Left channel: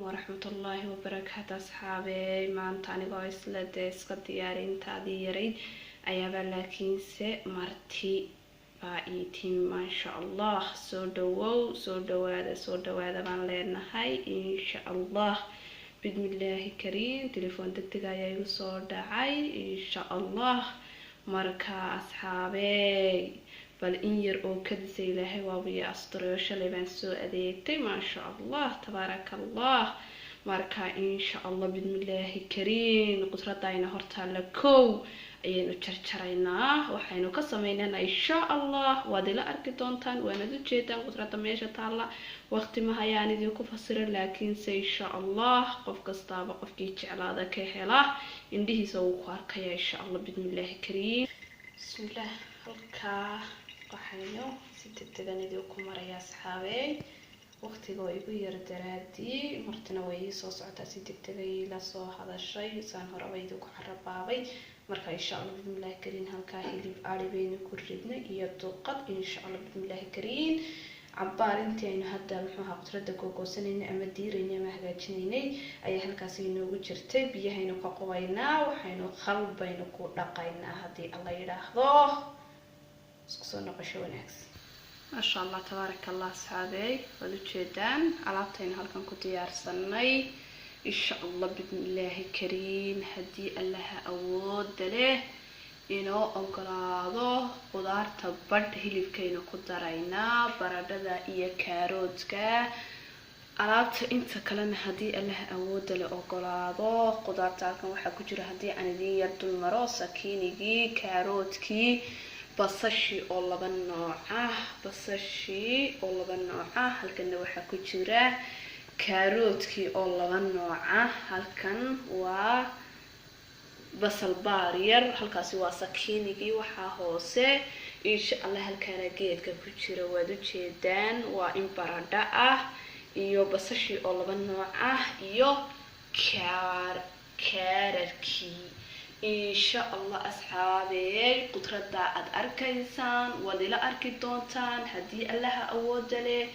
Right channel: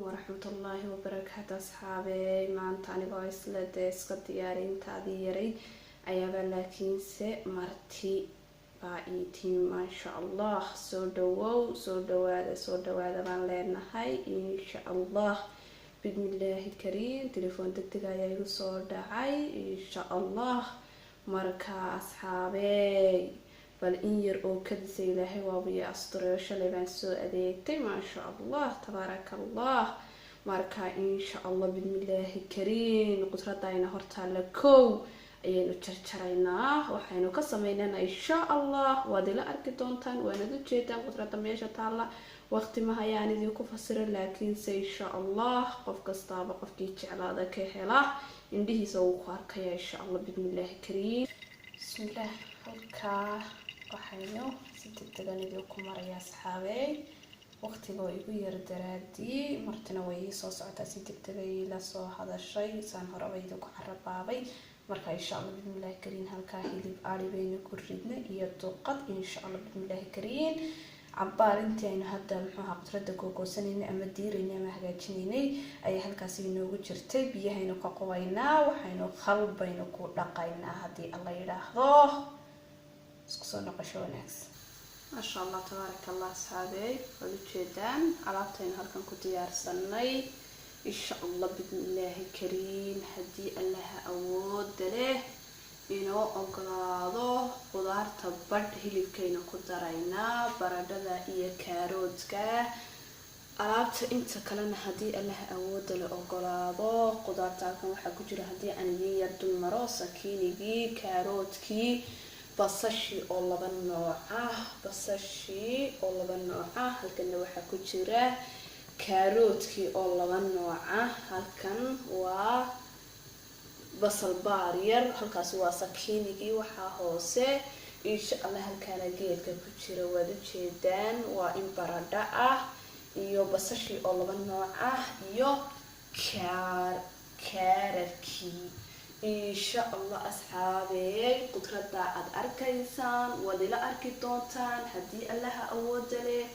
ورحمة الله وبركاته أصحابي ما أنت أنا قايس لديس قد ديارين تاديري أيابا لكن مرتي بايتين ما شاء الله سو دو هذا ما لنا هاي إن شاء الله بسم الله كريم تليفون تكتجا يا صور دعاي إن شاء الله مركا أصحابي بل إن يرؤوا كذا إلهي وابي أسطريش اللي بين سوء أديكتي ما شاء الله تبارك الله مركا إن شاء الله بسم الله كريم قدرة داينا هرتا لكو ayaynu jarjaraynaa waxaynu ka sameynayna insha Allah waad ila arki doontaan waana jeedaan qudrada meesha taala waqti ma hayaan idin ku fasiro laakiin se insha Allah qof kastaaba qofkii jeclaada ka hela indhihiisa uu ku arkaya insha Allah bismillah kariim bismillah halka waxaynu si degdeg idin ku maraya asxaabay waqtiga way igu yar daraadii martina way soo socotaa si degdeg ila soo hadashay saan horabay idin ku xarabaabay marka insha Allah bismillah kariin halka hilib ari baynu ku ridnay iyo duqad insha Allah bismillah kariin cabaar intii aynu hadda muxuu qudrada googoosanayna ama diirayna ama hagaajinaynay ay halkaas inoogu jirtay biyahaynu ka qowaynaa waxaynu qalbaynu ku dhaqaynaa hadii Allah yiraahdo isku soo noqosho wanaagsan ما شاء الله تبارك الله صحابي ولجدان alaabtayna halkan ku diyaarsanay إن شاء الله بسم الله كريم هدي الله أود له إنه أقراضه خضار تبرد هلي كينو قدرينا بردة إيا كاروتك ألعبت إنت كلنا هدي الله أود له أقراضه خضار تاكم وحكو جرى هدي عن دي يرد المراسة كينيجي كاروتكي بصشي الله بالنوعه بصشي الله بالنوعه هل كنا وحكو جرى كاروتكي oo laba nooc ah halkan waa basal baariyar halkaasi waa sakiinigi waxa hoose insha Allah halkaana geedka ku jira waad u jeedaan waa in baradha ah iyo basashi oo laba nooc ah iyo kaararki insha Allah asxaabay qudrada aad arkaysaan wad ila arki doontaan hadii Allah awood leh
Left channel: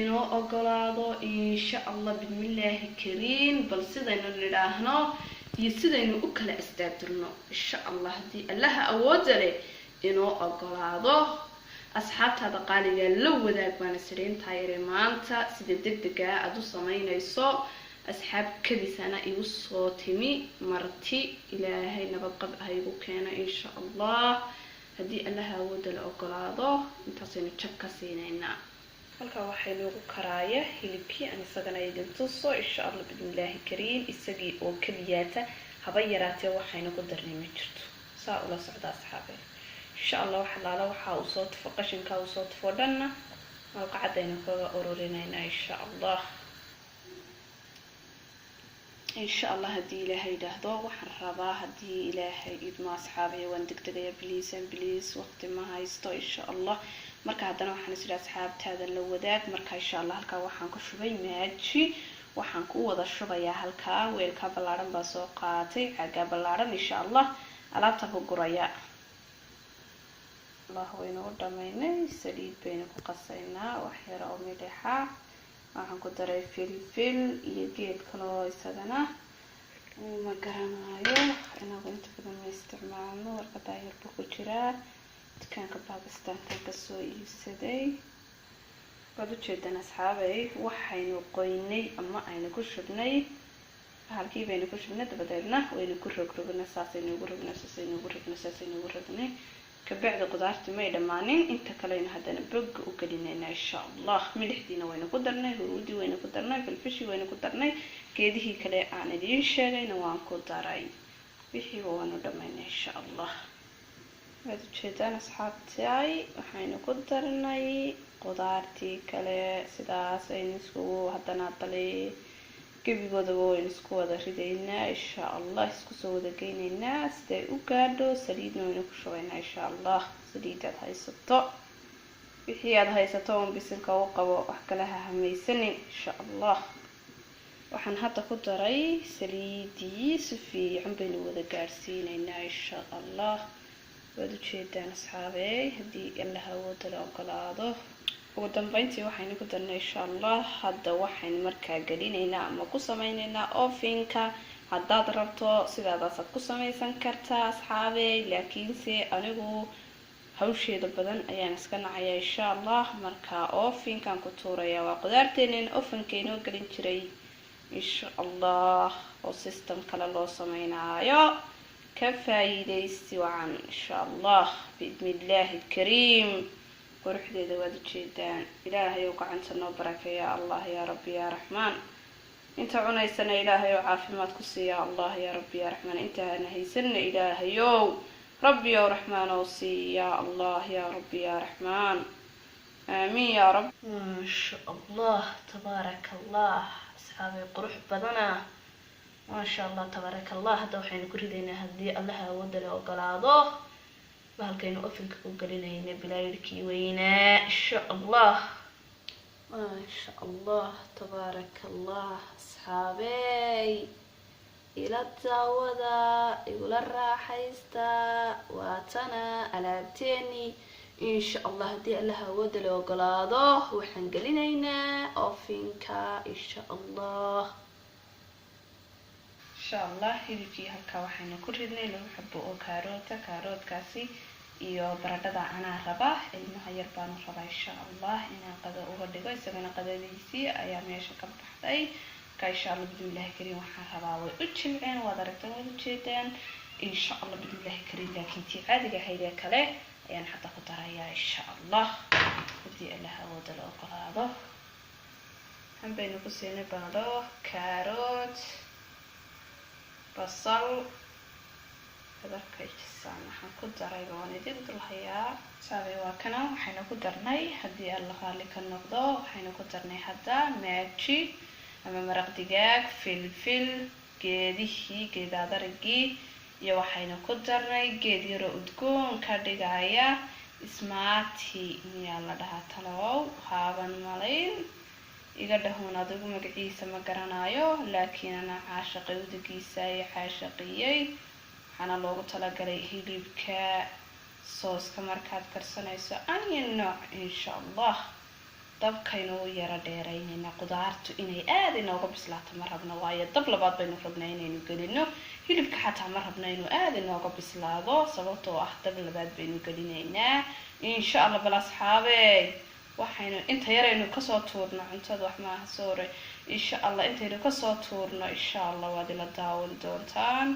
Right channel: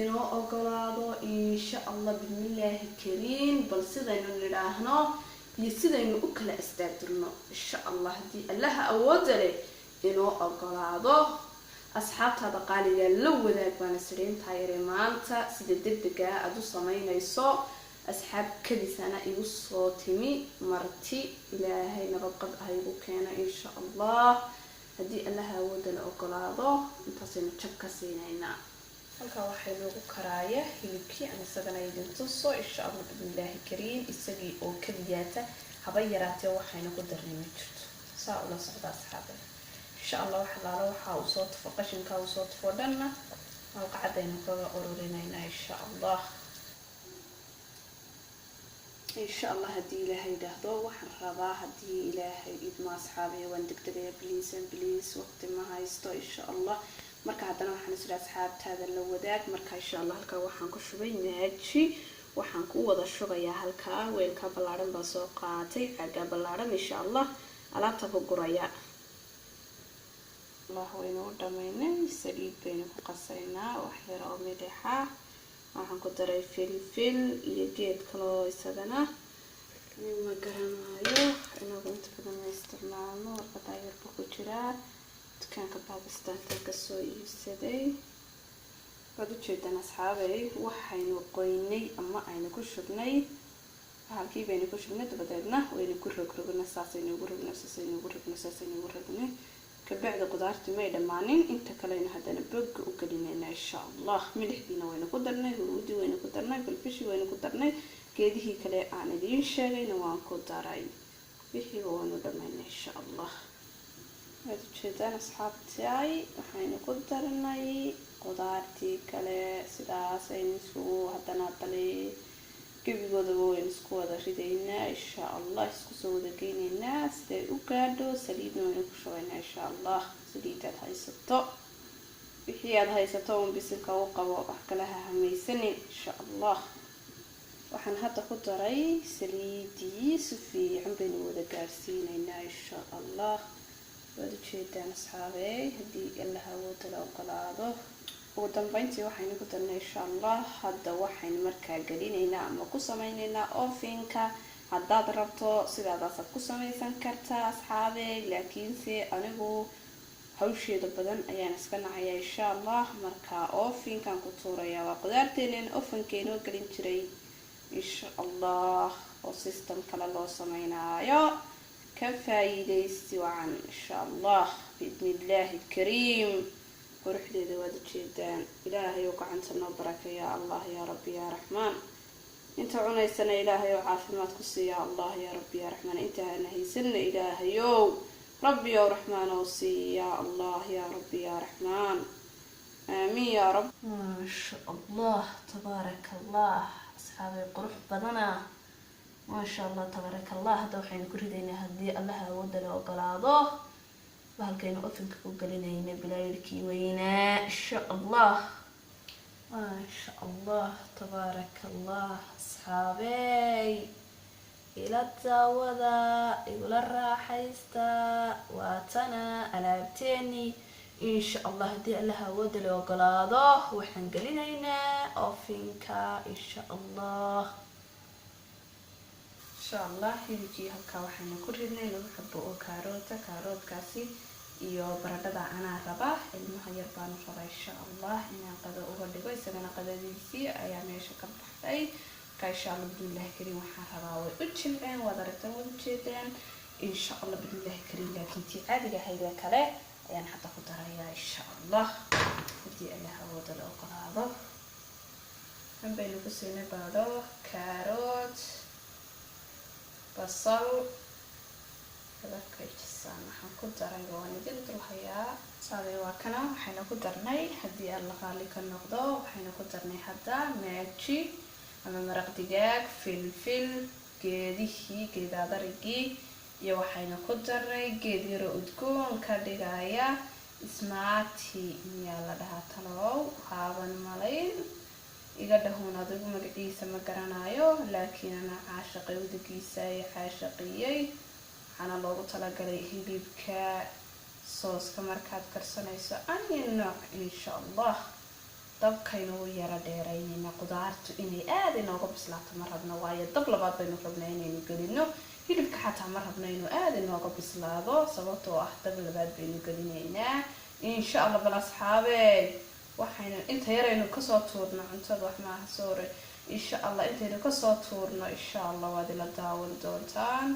إنه أقلاده إن شاء الله بسم الله كريم بل سيدنا نراهنا يسيدنا أكل استقدرنا إن شاء الله دي الله أوجله إنه أقلاده أصحاب هذا قال لو ذاك وانا سرين تاير مانتا سيد دقدقة أدو سمين يسو أصحاب كذي سنة يوصو تمي مرتي إلى هاي نبقى بهايبو كان إن شاء الله هدي الله أوجله أقلاده انتصينا تشبكة سينينا halka waxay lagu karaaya hilibkii aan isagana idin tuso insha Allah bismillah kariim isagii oo kaliyata haba yaraatee waxayna ku darnay jirto saa ula socda asxaabay insha Allah waxa uu soo tafaqashinka uu soo tafodana oo qacadayna kaga ururinayna insha Allah hadii ilaahay dhaahdo waxaan rabaa hadii ilaahay idmo asxaabay waan degdegaya please waqti ma haysto insha Allah marka hadana waxaan isla asxaabtaada la wadaag marka insha Allah halka waxaan ku shubay maaji waxaan ku wada shubayaa halka weelka balaaran baa soo qaatay xaga balaaran insha Allah alaabta ku guraya Allah waynu dhamaynay saliid bayna ku qasaynaa wax yar oo midaxa waxaan ku daray filfil iyo geed kale oo isagana ma garanayo inagu inta badan isticmaalno warqada yar ku jira كانك باكستان تكسو يسدي قدو جدا أصحابي وحينو قويني أما أين كشبني هالكي بين كشبنا تبدلنا وين كرقنا ساسين ورقنا كبعد قدرت ما يدمانين انت كلين هذا نبق وكلينا إن شاء الله ملح دينا وين قدرنا هرودي وين قدرنا بالفشي وين قدرنا كده كلا أنا دين شغين وان قدراي بحي وانو دمين إن شاء الله هذا جدًا أصحابتي وحين قدرناي قدرتي كله سداس إنسكو حتى نطلع كبي بدو إنسكو هذا ردينا إن شاء الله إنسكو سودا كين الناس ده وكادو سديدنا ونكشوينا إن شاء الله سديدة هاي ستة بحياد هاي ستة بسلك وقبو أحكلها هميسني إن شاء الله وحن حتى قدري سليدي سفي عم بينو وذا قارسين إن شاء الله وادو جيدان أصحابي هدي الله أود له أقلاده ugu dambeyntii waxaynu ku darnay insha allah. hadda waxaynu markaa gelinaynaa ama ku sameynaynaa ovenka. haddaad rabto sidaadaasaad ku sameysan kartaa asxaabey, laakiinse anigu hawsheeda badan ayaan iska nacaya insha allah. markaa ovenkan ku tuuraya. waa qudaarteenin ovenka inoo gelin jiray insha allah, oo system kale loo sameynaayo. ka faa'iidaysi wacan insha allah biidnillaahi alkariim. quruxdeeda waad ujeedaan. ilaahay oo gacanta noo barakeeya allah yaa rabbi yaa raxmaan. inta cunaysana ilaahay oo caafimaad ku siiya allah yaa rabbi yaa raxmaan. intaana haysanna ilaahayow rabbi oo raxmaan oo siiya allah yaa rabbi yaa raxmaan. aamiin yaa rab. maasha allah tabaaraka allah asxaabay, qurux badana maasha allah tabaaraka allah. hadda waxaynu ku ridaynaa haddii allaha awoodda la ogolaado bahalkaynu ovenka ku gelinayna bilaayirkii weynaa insha allah. maasha allah tabaaraka allah asxaabey, ila daawada, igula raaxaysta. waatana alaabteeni insha allah. haddii allaha awoodda la ogolaado waxaan gelinaynaa ovenka insha allah. insha allah hilibkii halkaa waxaynu ku ridnay 2 xabo oo kaaroodkaasi iyo baradhada anaa raba. ilmaha yar baanu rabaa insha allah inaan qado uga dhigo, isagana qadadiisii ayaa meesha ka baxday. marka insha allah bismillahi kariim waxaan rabaa way u jilceen, waad aragtaan, waad ujeedaan insha allah bismillahi kariim. laakiin tii caadiga ahaydee kale ayaan hadda ku darayaa insha allah haddii allaha awoodda la ogolaado. waxaan baynu ku siinay baradho, kaarood, basal, badarkayjisaan waxaan ku daray waan idin dulhayaa saabay. waa kana waxaynu ku darnay haddii alla qaali ka noqdo waxaynu ku darnay hadda maaji ama maraq digaag, filfil, geedaadarigii iyo waxaynu ku darnay geed yaro udgoon ka dhigaya ismaati miyaa la dhahaa talow, haaban malayn iga dhahoon adigu magaciisa ma garanayo, laakiin ana caashaqay udagiisa iyo caashaqiyey. waxaana loogu talagalay hilibka sooska markaad karsanayso anya nooc insha allah. dabkaynu u yara dheeraynayna qudaartu inay aada inooga bislaato ma rabno, waayo dab labaad baynu rabnaa inaynu gelino. hilibka xataa ma rabna inuu aada inooga bislaado sababtoo ah dab labaad baynu gelinaynaa insha allah. bal asxaabey waxaynu inta yaraynu kasoo tuurno cuntada wax maaha soore insha allah. intaynu kasoo tuurno insha allah waad ila daawan doontaan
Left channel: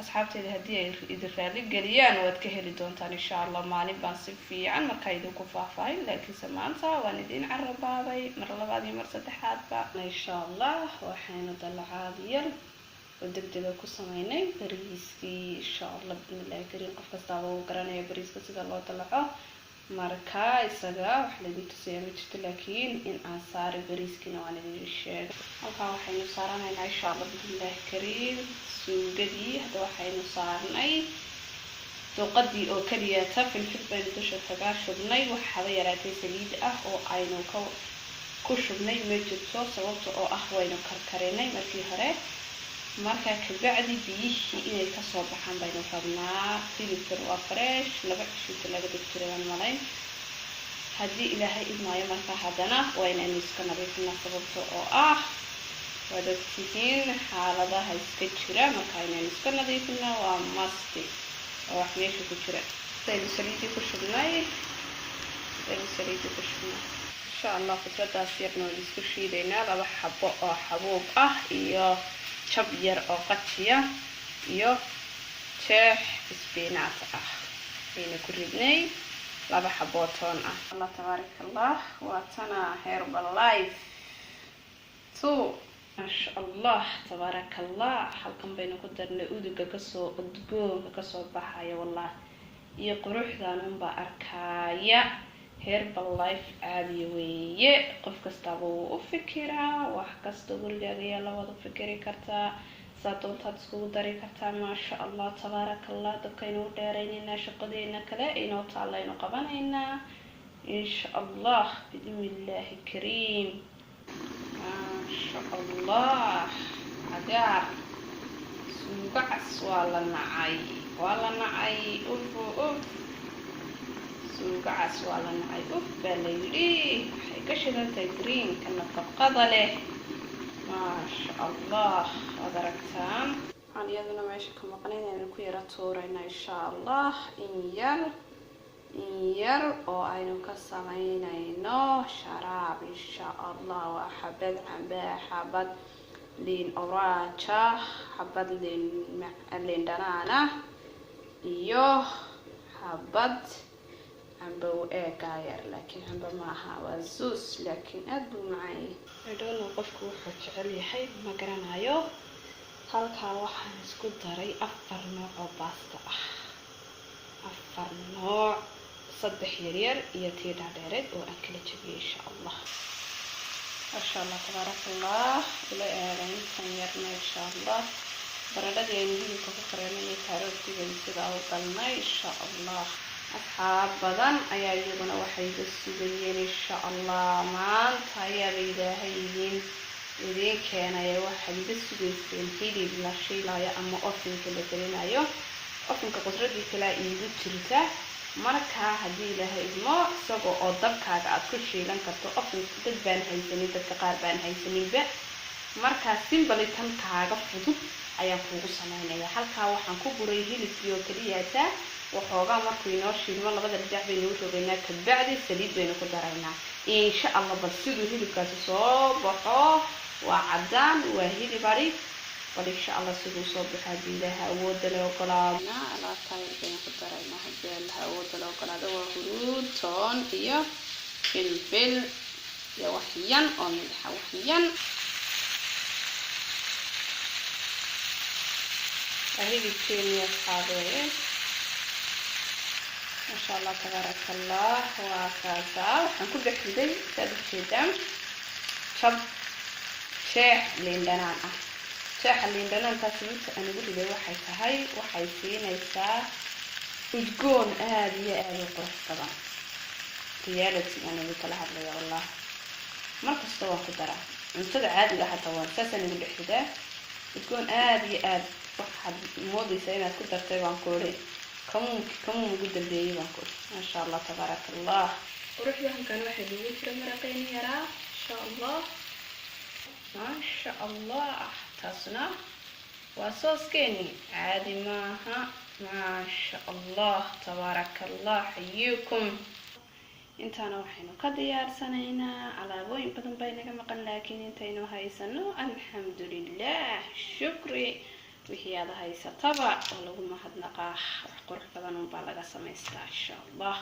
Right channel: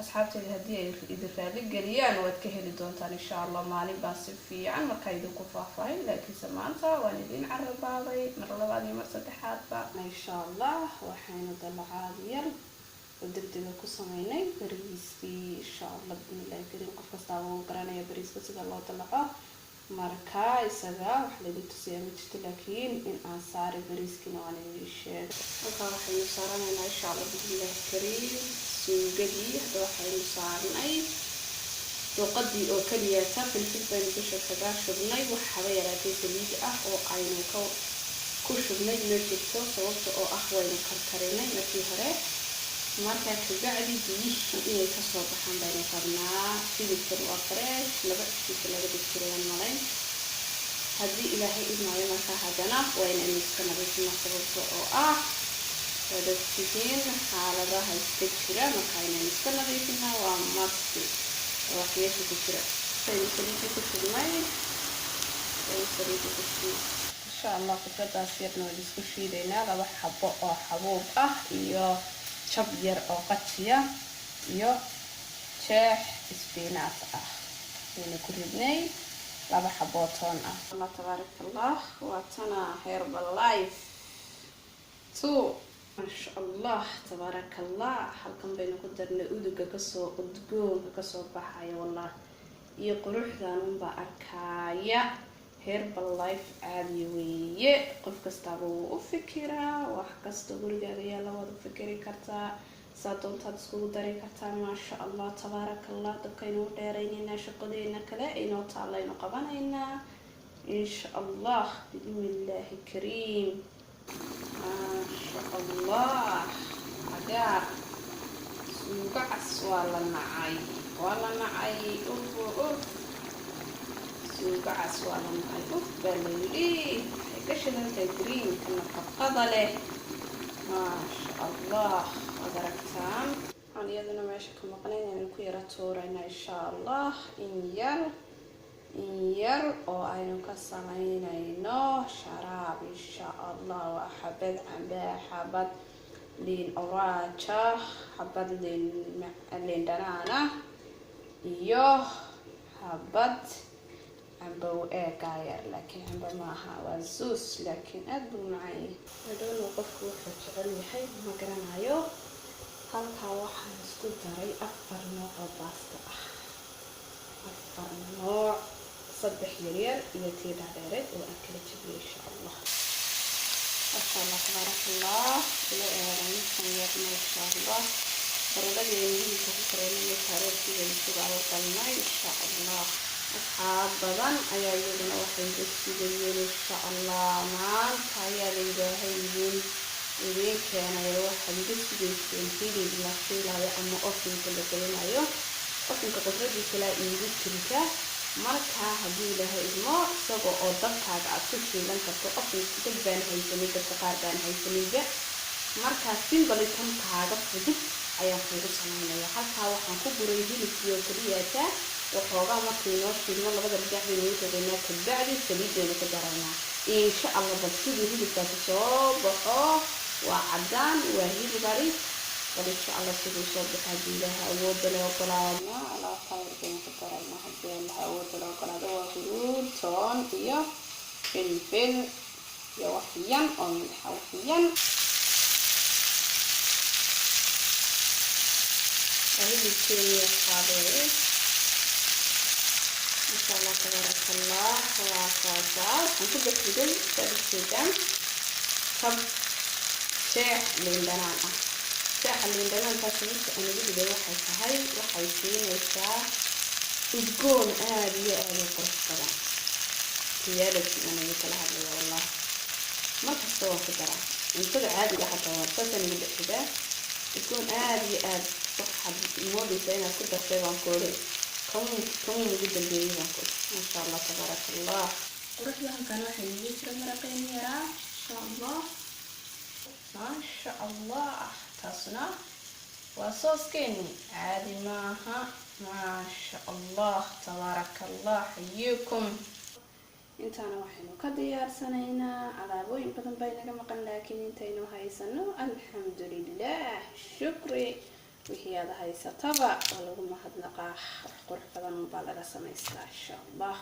asxaabteeda. haddii ay idin raali geliyaan waad ka heli doontaan insha allah. maalin baan si fiican markaa idinku faahfaahin, laakiinse maanta waan idin carabaaday mar labaad iyo mar saddexaadba insha allah. waxaynu dalacaad yar oo degdega ku sameynay bariiskii insha allah bismillahi kariim. qof kastaaba uu garanaya bariiska sida loo dalaco, marka isaga wax lagu tusiyaa ma jirto, laakiin in aan saari bariiskiina waan idin sheegay. halkaa waxaynu saaranaynaa insha allah bismillahi kariim suugadii. hadda waxaynu saarnay duqadii oo keliyata, filfil baynu dusha kaga shubnay. waxaba yaraatay saliid ah oo aynu ku shubnay ma jirto sababta oo ah waynu karkarinay markii hore. markaa kabacdi biyihii inay kasoo baxaan baynu rabnaa. hilibkan waa fresh, 2 cisho laga dhigtirayaan malayn haddii ilaahay idmaayo. markaa haddana waa inaynu iska nadiifina sababta oo ah waad ogtihiin xaaladaha iska jira. marka inaynu iska nadiifina waa masti oo wax meesha ku jira. saynu saliidii ku shubnay insha allah. fikradaas yarna waan isku shiidaynaa. 2 xabo oo xabuub ah iyo jab yar oo qajiya iyo jeex isbinaat ah aynu ku ridnay. 2 xabo toon ah. allah tabaaraka allah. waa tana Herbalife 2 maasha allah tabaaraka allah. halkan baynu ku darnay uduga udgoonka kasoo baxaya wallah iyo quruxdan unbaa arkaya. Herbalife caadi weeye, qof kastaaba wuu u fikiraa. wax kasta gurigaaga ayaa la wada fikiri kartaa, saa doontaad iskugu dari kartaa. maasha allah tabaaraka allah. dabkaynu u dheeraynaynaa, shaqadeena kale inoo taalaynu qabanaynaa insha allah biidnillaahi kariim. maasha allah cagaar suugacas waa la nacay uf suugacas waa la nacay baa la yidhi waxay ka shidantahay greenka nafaqada leh maasha allah waad aragtaan waxaan iyaduna meesha ka maqnayn inaynu ku yara tuurayna insha allah in yar oo aynu ka samaynayno sharaab insha allah waa xabad cambaa xabad liin oraaja xabad liin dhanaana iyo xabad cambow eegayar laakiin cambo maaha waa zuus laakiin aad buu macaan yahay qofku wuxuu jecel yahay ma garanayo halkaa waxaan isku daray 4 nooc oo baasta ah 4 nooc 3 yaryar iyo tii dhaadheereed oo aan kala jabiyay insha allah masha allah tabarakallah ila eegan kan yarna insha allah baradhadii hilibka ku kareemay kaarootiga sida oo qalnay insha allah asxaab badan ayaa iyaduna waxay ku sugayeen insha allah maanta ayaa ilaahay idin keenay waxaad iga sugayseen hilib la shiilayo ama ofinka la gelinayo ofinka qudradii kala iigu jirta marka haddii ilaahay idmo isagoo oo dabkaaga aad ku shiilan karto ofinka dad baan haysanin dadka qaar baan haysaninba marka simple tankaaga fudud ayaan kugu samaynayaa halkaa waxaan ku guray hilibkii oo kaliya waxoogaa markuu inoo shiilmo labada dhinac baynu u rogaynaa kabacdi saliid baynu ku daraynaa insha allah bal siduu hilibkaasi soo baxo waa cadaan waa hilib ari bal insha allah siduu soo baxo haddii ilaaha awoodda leh ogolaadna alaabtaan baynu ku daraynaa haddii ilaaha awoodda leh ogolaado waa huruud toon iyo filfil iyo waxyan oo milxa waxyan hilibkeeni asxaabeeye ما شاء الله تبارك الله واساسا وحنكو بحدي سابسيدا كب شاح ليندنان شاح ليندنان تاسيس انا بدي waxay tahay waxay siinaysaa udgoon aad iyo aad u qurux badan tiyaalada ana kala hadlaya wallah markasta waan ku daraa cuntada caadiga xataa waan saasan ugu bixidaa udgoon aad iyo aad waxaad moodaysaa inaad ku dartay waan koolay كم وجود البيبي باكل ما شاء الله تبارك الله وروح لهم كانوا حلوين في مرتين يرى ان شاء الله ما شاء الله تصنع وصوص كيني عادي معها ما شاء الله تبارك الله حييكم انت انا وحينو كديار سنينا على بوين بدن بينك مقن لكن انتينو هايسنو الحمد لله شكري wixii aad haysataba oo lagu mahadnaqaa wax qurux badan oo baa laga sameystaa insha allah